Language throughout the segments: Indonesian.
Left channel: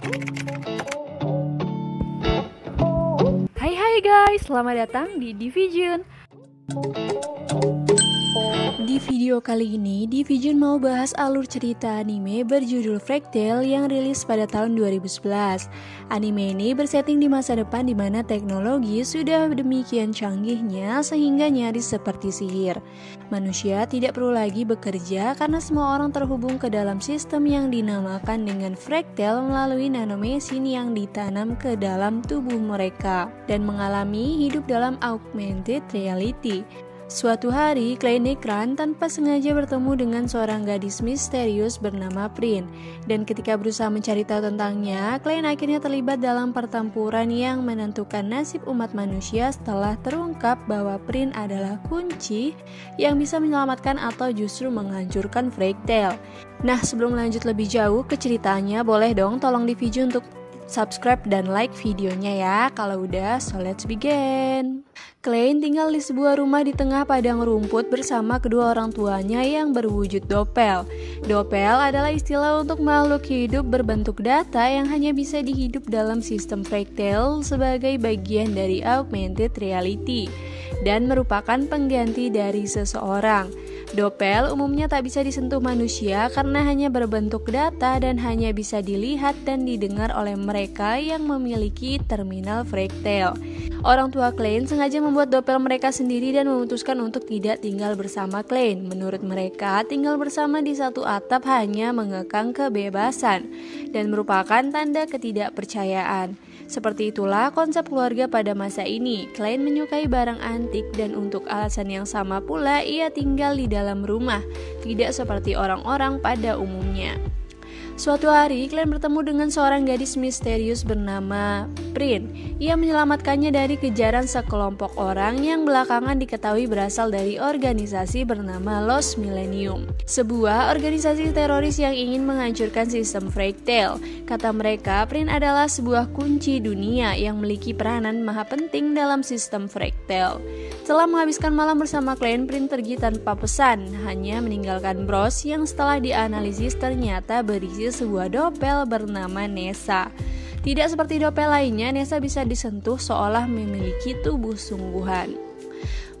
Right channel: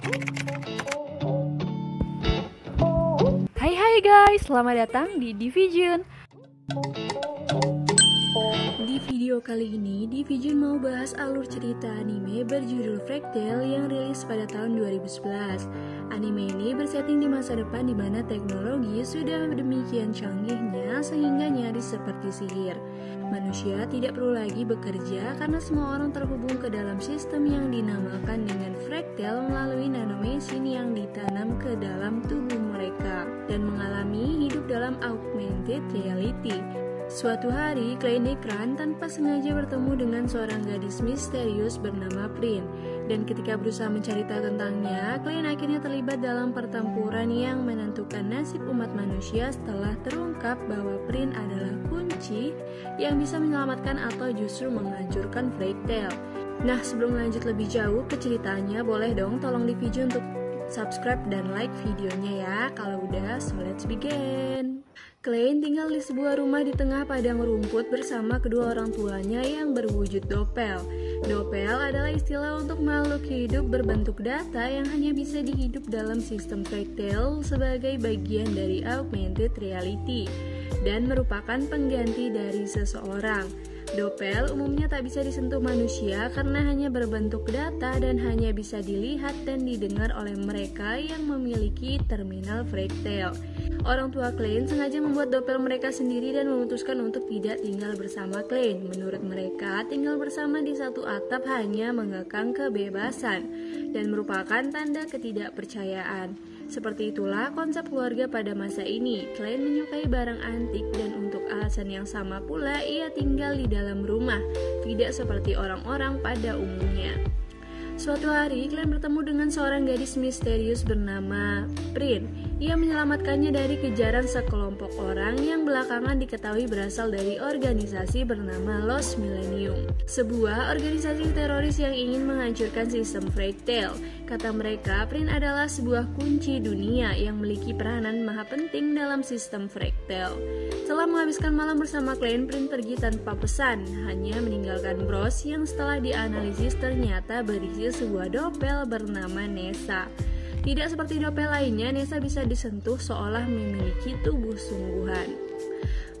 Hai guys, selamat datang di Division. Di video kali ini, Division mau bahas alur cerita anime berjudul Fairy Tail yang rilis pada tahun 2011. Anime ini bersetting di masa depan di mana teknologi sudah demikian canggihnya sehingga nyaris seperti sihir. Manusia tidak perlu lagi bekerja karena semua orang terhubung ke dalam sistem yang dinamakan dengan Fairy Tail melalui nanomesin yang ditanam ke dalam tubuh mereka dan mengalami hidup dalam augmented reality. Suatu hari, Klein Ekran tanpa sengaja bertemu dengan seorang gadis misterius bernama Prin. Dan ketika berusaha mencari tahu tentangnya, Klein akhirnya terlibat dalam pertempuran yang menentukan nasib umat manusia setelah terungkap bahwa Prin adalah kunci yang bisa menyelamatkan atau justru menghancurkan Fairy Tail. Nah, sebelum lanjut lebih jauh ke ceritanya, boleh dong tolong di video untuk subscribe dan like videonya ya. Kalau udah, so let's begin. Klein tinggal di sebuah rumah di tengah padang rumput bersama kedua orang tuanya yang berwujud dopel. Dopel adalah istilah untuk makhluk hidup berbentuk data yang hanya bisa dihidup dalam sistem Fairy Tail sebagai bagian dari augmented reality dan merupakan pengganti dari seseorang. Dopel umumnya tak bisa disentuh manusia karena hanya berbentuk data dan hanya bisa dilihat dan didengar oleh mereka yang memiliki terminal Fairy Tail. Orang tua Klein sengaja membuat dopel mereka sendiri dan memutuskan untuk tidak tinggal bersama Klein. Menurut mereka, tinggal bersama di satu atap hanya mengekang kebebasan dan merupakan tanda ketidakpercayaan. Seperti itulah konsep keluarga pada masa ini. Klein menyukai barang antik dan untuk alasan yang sama pula ia tinggal di dalam rumah, tidak seperti orang-orang pada umumnya. Suatu hari, Klein bertemu dengan seorang gadis misterius bernama Prin. Ia menyelamatkannya dari kejaran sekelompok orang yang belakangan diketahui berasal dari organisasi bernama Lost Millennium, sebuah organisasi teroris yang ingin menghancurkan sistem Fairy Tail. Kata mereka, Prin adalah sebuah kunci dunia yang memiliki peranan maha penting dalam sistem Fairy Tail. Setelah menghabiskan malam bersama Klein, Prin pergi tanpa pesan, hanya meninggalkan bros yang setelah dianalisis ternyata berisi sebuah dopel bernama Nessa. Tidak seperti dopel lainnya, Nessa bisa disentuh seolah memiliki tubuh sungguhan.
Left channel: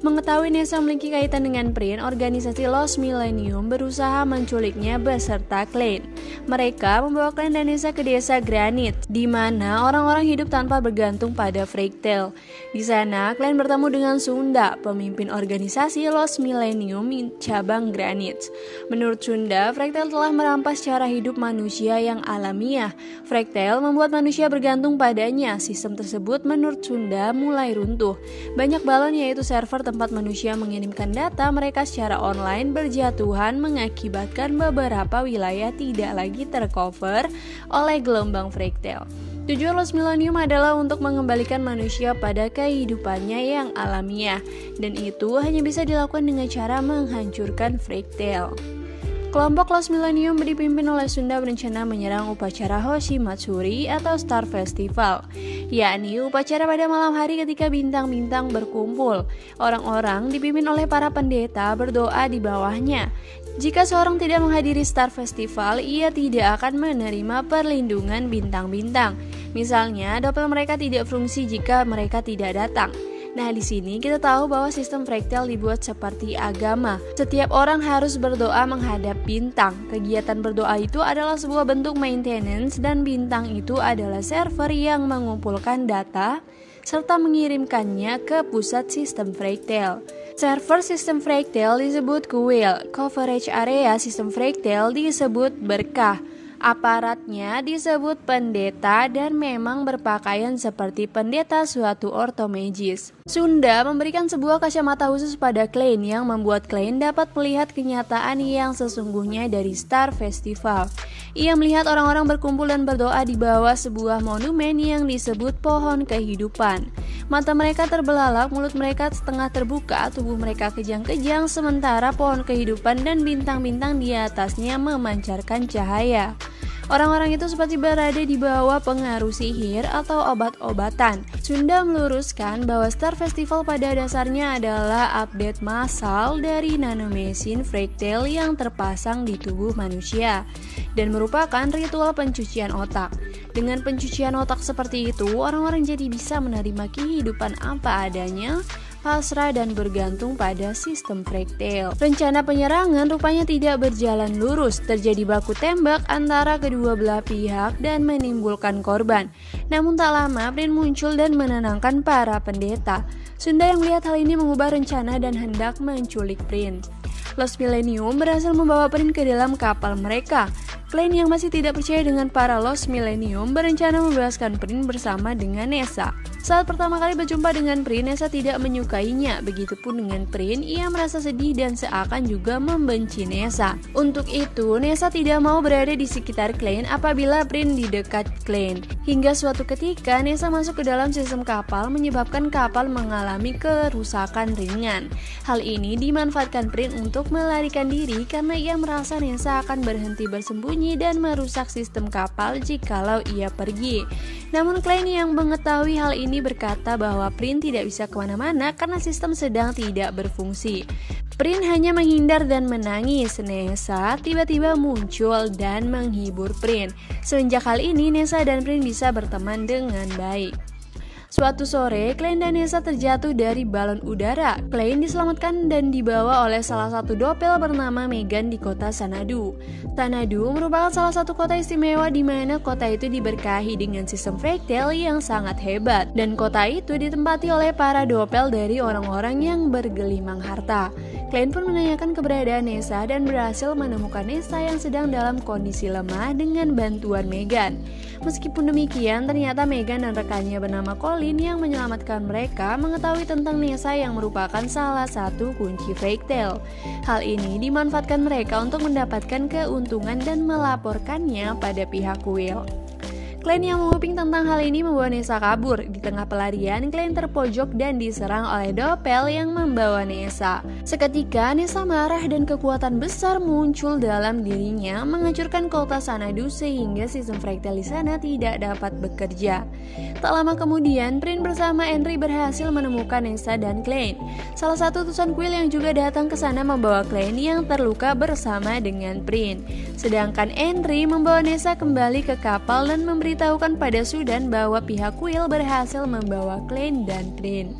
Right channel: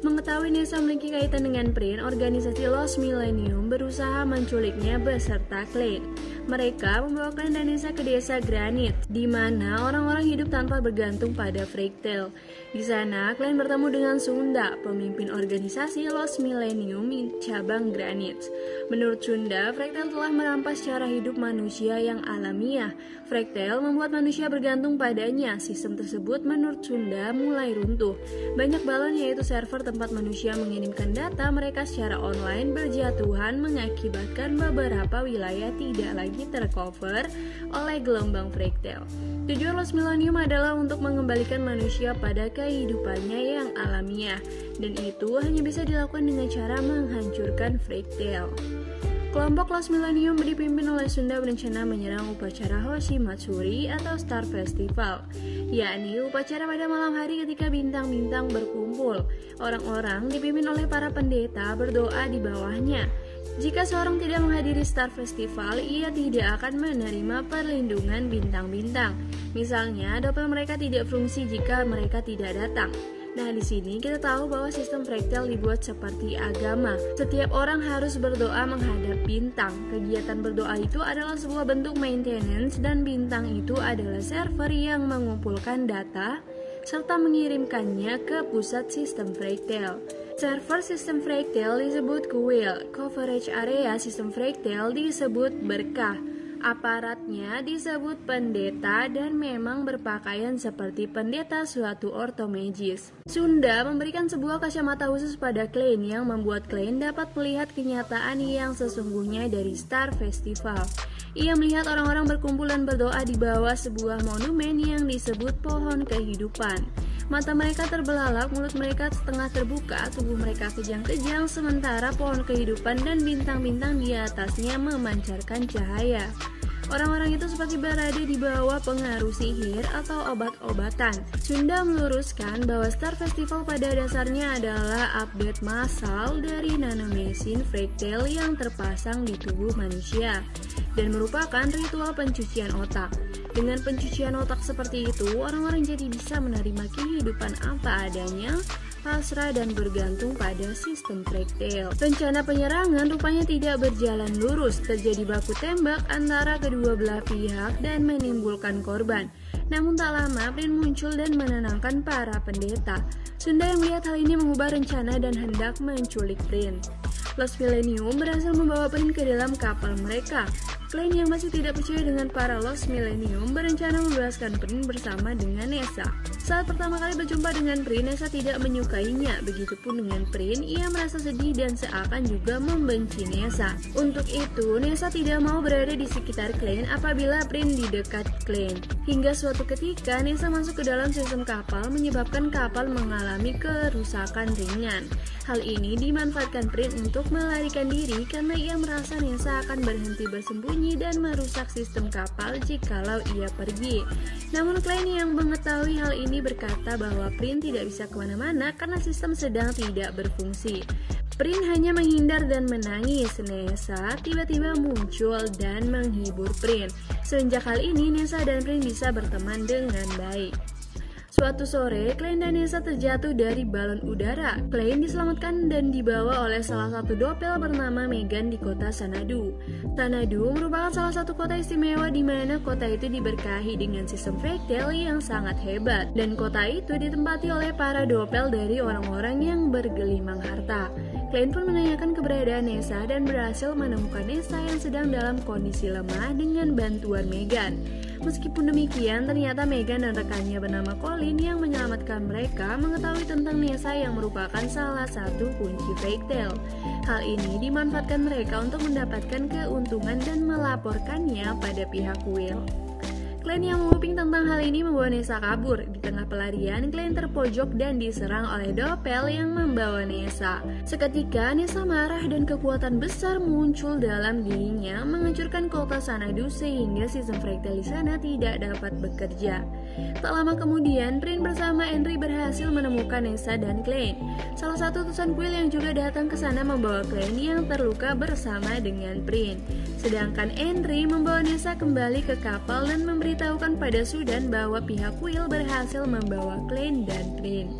Mengetahui Nessa memiliki kaitan dengan Prin, organisasi Lost Millennium berusaha menculiknya beserta Klein. Mereka membawa Klein dan Nessa ke desa Granite, di mana orang-orang hidup tanpa bergantung pada Fairy Tail. Di sana, Klein bertemu dengan Sunda, pemimpin organisasi Lost Millennium cabang Granite. Menurut Sunda, Fairy Tail telah merampas cara hidup manusia yang alamiah. Fairy Tail membuat manusia bergantung padanya. Sistem tersebut menurut Sunda mulai runtuh. Banyak balon yaitu server tempat manusia mengirimkan data mereka secara online berjatuhan mengakibatkan beberapa wilayah tidak lagi tercover oleh gelombang Fairy Tail. Tujuan Lost Millennium adalah untuk mengembalikan manusia pada kehidupannya yang alamiah, dan itu hanya bisa dilakukan dengan cara menghancurkan Fairy Tail. Kelompok Lost Millennium dipimpin oleh Sunda berencana menyerang upacara Hoshi Matsuri atau Star Festival, yakni upacara pada malam hari ketika bintang-bintang berkumpul. Orang-orang dipimpin oleh para pendeta berdoa di bawahnya. Jika seorang tidak menghadiri Star Festival, ia tidak akan menerima perlindungan bintang-bintang. Misalnya, dopel mereka tidak fungsi jika mereka tidak datang. Nah, di sini kita tahu bahwa sistem Fairy Tail dibuat seperti agama. Setiap orang harus berdoa menghadap bintang. Kegiatan berdoa itu adalah sebuah bentuk maintenance dan bintang itu adalah server yang mengumpulkan data serta mengirimkannya ke pusat sistem Fairy Tail. Server sistem Fairy Tail disebut kuil. Coverage area sistem Fairy Tail disebut berkah. Aparatnya disebut pendeta dan memang berpakaian seperti pendeta suatu orto magis. Sunda memberikan sebuah kacamata khusus pada Klein yang membuat Klein dapat melihat kenyataan yang sesungguhnya dari Star Festival. Ia melihat orang-orang berkumpul dan berdoa di bawah sebuah monumen yang disebut pohon kehidupan. Mata mereka terbelalak, mulut mereka setengah terbuka, tubuh mereka kejang-kejang, sementara pohon kehidupan dan bintang-bintang di atasnya memancarkan cahaya. Orang-orang itu seperti berada di bawah pengaruh sihir atau obat-obatan. Sunda meluruskan bahwa Star Festival pada dasarnya adalah update massal dari nanomesin Fairy Tail yang terpasang di tubuh manusia dan merupakan ritual pencucian otak. Dengan pencucian otak seperti itu, orang-orang jadi bisa menerima kehidupan apa adanya, pasrah dan bergantung pada sistem Fractal. Rencana penyerangan rupanya tidak berjalan lurus, terjadi baku tembak antara kedua belah pihak dan menimbulkan korban. Namun tak lama, Prin muncul dan menenangkan para pendeta. Sunda yang melihat hal ini mengubah rencana dan hendak menculik Prin. Lost Millennium berhasil membawa Prin ke dalam kapal mereka. Klein yang masih tidak percaya dengan para Lost Millennium berencana membebaskan Prin bersama dengan Nessa. Saat pertama kali berjumpa dengan Prin, Nessa tidak menyukainya. Begitupun dengan Prin, ia merasa sedih dan seakan juga membenci Nessa. Untuk itu, Nessa tidak mau berada di sekitar Klein apabila Prin di dekat Klein. Hingga suatu ketika, Nessa masuk ke dalam sistem kapal menyebabkan kapal mengalami kerusakan ringan. Hal ini dimanfaatkan Prin untuk melarikan diri karena ia merasa Nessa akan berhenti bersembunyi dan merusak sistem kapal jikalau ia pergi. Namun Klein yang mengetahui hal ini berkata bahwa Prin tidak bisa kemana-mana karena sistem sedang tidak berfungsi. Prin hanya menghindar dan menangis. Nessa tiba-tiba muncul dan menghibur Prin. Semenjak hal ini, Nessa dan Prin bisa berteman dengan baik. Suatu sore, Klein dan Nessa terjatuh dari balon udara. Klein diselamatkan dan dibawa oleh salah satu dopel bernama Megan di kota Xanadu. Xanadu merupakan salah satu kota istimewa di mana kota itu diberkahi dengan sistem Fractal yang sangat hebat. Dan kota itu ditempati oleh para dopel dari orang-orang yang bergelimang harta. Klein pun menanyakan keberadaan Nessa dan berhasil menemukan Nessa yang sedang dalam kondisi lemah dengan bantuan Megan. Meskipun demikian, ternyata Megan dan rekannya bernama Colin yang menyelamatkan mereka mengetahui tentang Nessa yang merupakan salah satu kunci Fractal. Hal ini dimanfaatkan mereka untuk mendapatkan keuntungan dan melaporkannya pada pihak Will. Klein yang menguping tentang hal ini membawa Nessa kabur. Di tengah pelarian, Klein terpojok dan diserang oleh dopel yang membawa Nessa. Seketika, Nessa marah dan kekuatan besar muncul dalam dirinya, menghancurkan kota Xanadu sehingga sistem Fractal di sana tidak dapat bekerja. Tak lama kemudian, Prin bersama Henry berhasil menemukan Nessa dan Klein. Salah satu utusan Quill yang juga datang ke sana membawa Klein yang terluka bersama dengan Prin. Sedangkan Henry membawa Nessa kembali ke kapal dan memberitahukan pada Sudan bahwa pihak Quill berhasil membawa Klein dan Prin.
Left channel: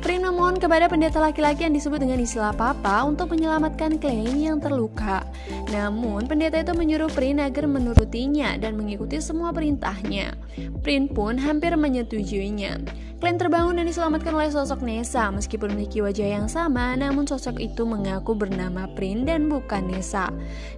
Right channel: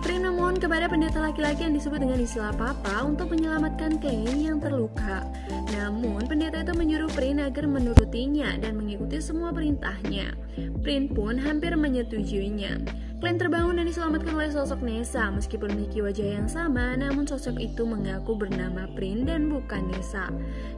Prin memohon kepada pendeta laki-laki yang disebut dengan istilah Papa untuk menyelamatkan Klein yang terluka. Namun pendeta itu menyuruh Prin agar menurutinya dan mengikuti semua perintahnya. Prin pun hampir menyetujuinya. Klein terbangun dan diselamatkan oleh sosok Nessa. Meskipun memiliki wajah yang sama, namun sosok itu mengaku bernama Prin dan bukan Nessa.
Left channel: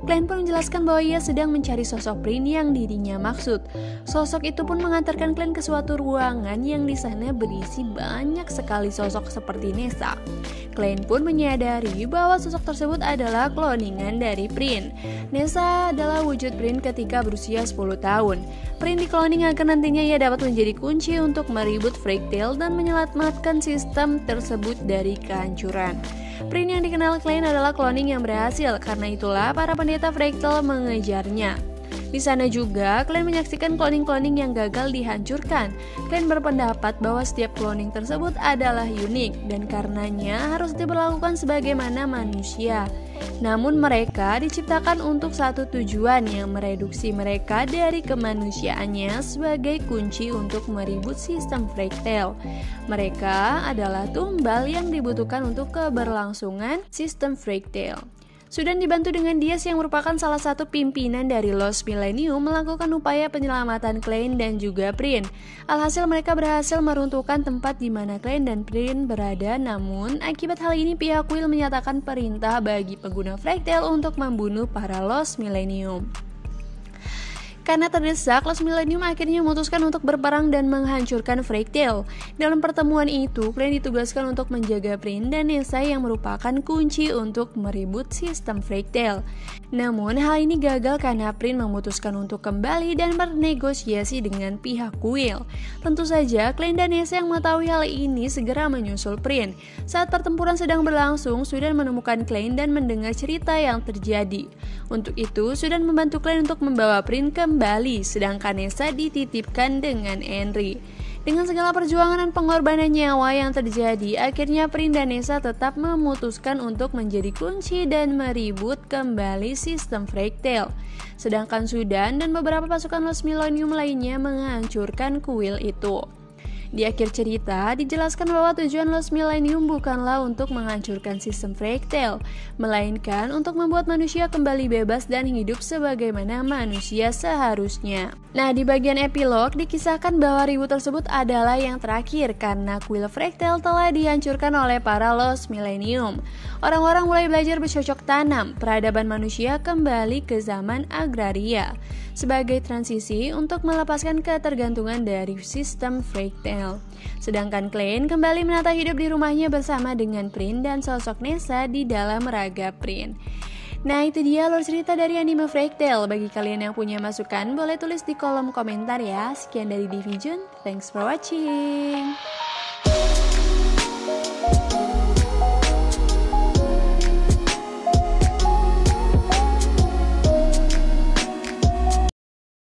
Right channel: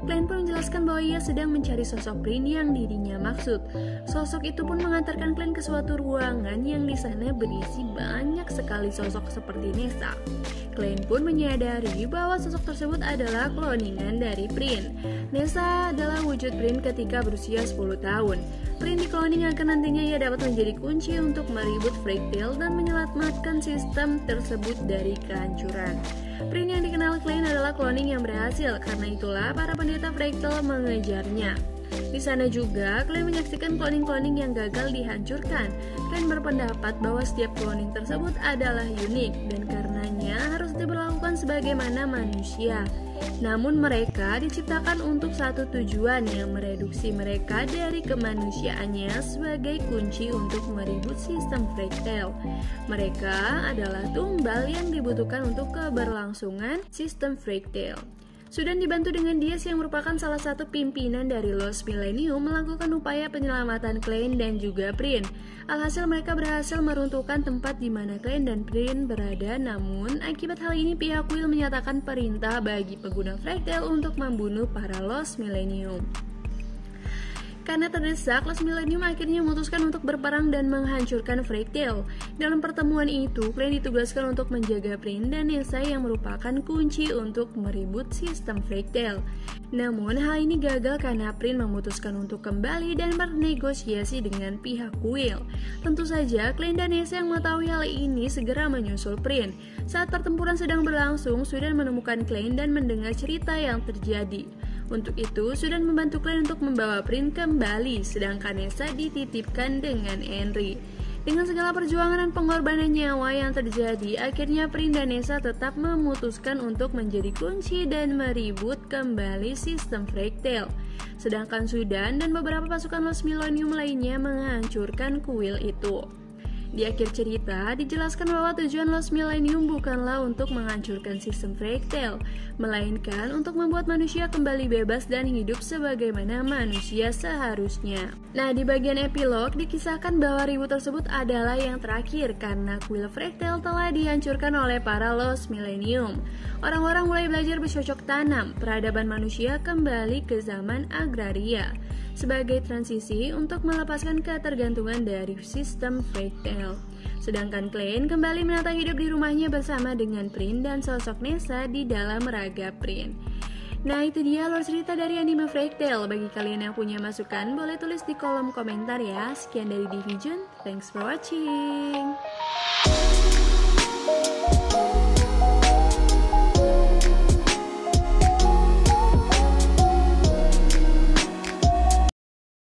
Klein pun menjelaskan bahwa ia sedang mencari sosok Prin yang dirinya maksud. Sosok itu pun mengantarkan Klein ke suatu ruangan yang di sana berisi banyak sekali sosok seperti Nessa. Klein pun menyadari bahwa sosok tersebut adalah kloningan dari Prin. Nessa adalah wujud Prin ketika berusia 10 tahun. Prin dikloning agar nantinya ia dapat menjadi kunci untuk meribut Fractal dan menyelamatkan sistem tersebut dari kehancuran. Prin yang dikenal Klein adalah cloning yang berhasil, karena itulah para pendeta Fractal mengejarnya. Di sana juga, Klein menyaksikan cloning-cloning yang gagal dihancurkan. Klein berpendapat bahwa setiap cloning tersebut adalah unik dan karenanya harus diberlakukan sebagaimana manusia. Namun mereka diciptakan untuk satu tujuan yang mereduksi mereka dari kemanusiaannya sebagai kunci untuk meribut sistem Fractal. Mereka adalah tumbal yang dibutuhkan untuk keberlangsungan sistem Fractal. Sudan dibantu dengan Diaz yang merupakan salah satu pimpinan dari Lost Millennium melakukan upaya penyelamatan Klein dan juga Prin. Alhasil mereka berhasil meruntuhkan tempat di mana Klein dan Prin berada, namun akibat hal ini pihak Will menyatakan perintah bagi pengguna Fractal untuk membunuh para Lost Millennium. Karena terdesak, Lost Millennium akhirnya memutuskan untuk berperang dan menghancurkan Fractal. Dalam pertemuan itu, Klein ditugaskan untuk menjaga Prin dan Nessa yang merupakan kunci untuk meribut sistem Fractal. Namun, hal ini gagal karena Prin memutuskan untuk kembali dan bernegosiasi dengan pihak Will. Tentu saja, Klein dan Nessa yang mengetahui hal ini segera menyusul Prin. Saat pertempuran sedang berlangsung, Sudan menemukan Klein dan mendengar cerita yang terjadi. Untuk itu, Sudan membantu Klein untuk membawa Prin kembali, sedangkan Nessa dititipkan dengan Henry. Dengan segala perjuangan dan pengorbanan nyawa yang terjadi, akhirnya Prin dan Nessa tetap memutuskan untuk menjadi kunci dan meribut kembali sistem Fractal. Sedangkan Sudan dan beberapa pasukan Lost Millennium lainnya menghancurkan kuil itu. Di akhir cerita, dijelaskan bahwa tujuan Lost Millennium bukanlah untuk menghancurkan sistem Fractal, melainkan untuk membuat manusia kembali bebas dan hidup sebagaimana manusia seharusnya. Nah, di bagian epilog dikisahkan bahwa ribut tersebut adalah yang terakhir karena kuil Fractal telah dihancurkan oleh para Lost Millennium. Orang-orang mulai belajar bercocok tanam, peradaban manusia kembali ke zaman agraria sebagai transisi untuk melepaskan ketergantungan dari sistem Fractal. Sedangkan Klein kembali menata hidup di rumahnya bersama dengan Prin dan sosok Nessa di dalam raga Prin. Nah, itu dia alur cerita dari anime Fractal. Bagi kalian yang punya masukan, boleh tulis di kolom komentar ya. Sekian dari Division, thanks for watching.